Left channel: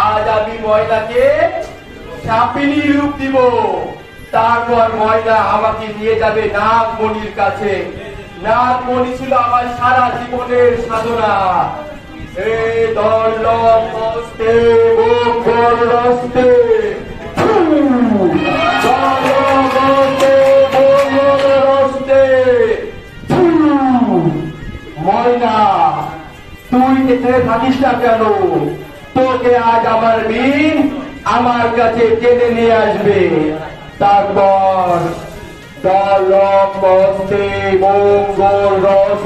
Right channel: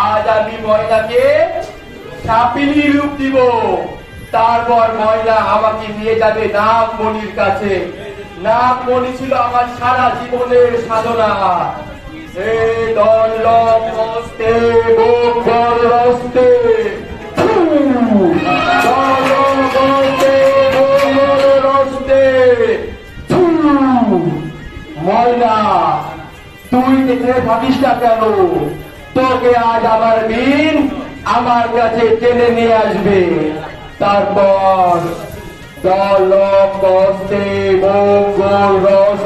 আজ আমি ময়নাকে রূপ দিব তারপর ময়না আমাকে নিয়ে যাবে নাগমণির কাছে নাগমণি ছিল আমার সারা জীবনের সাধনা। হে দল্লভ ময়না, তুই দেখে থাকিস না কেন? তোকে আজ আমার দিন আমার কাছে কেনে নিয়ে আসবে। তারপর দল হস্তে মঙ্গল দলক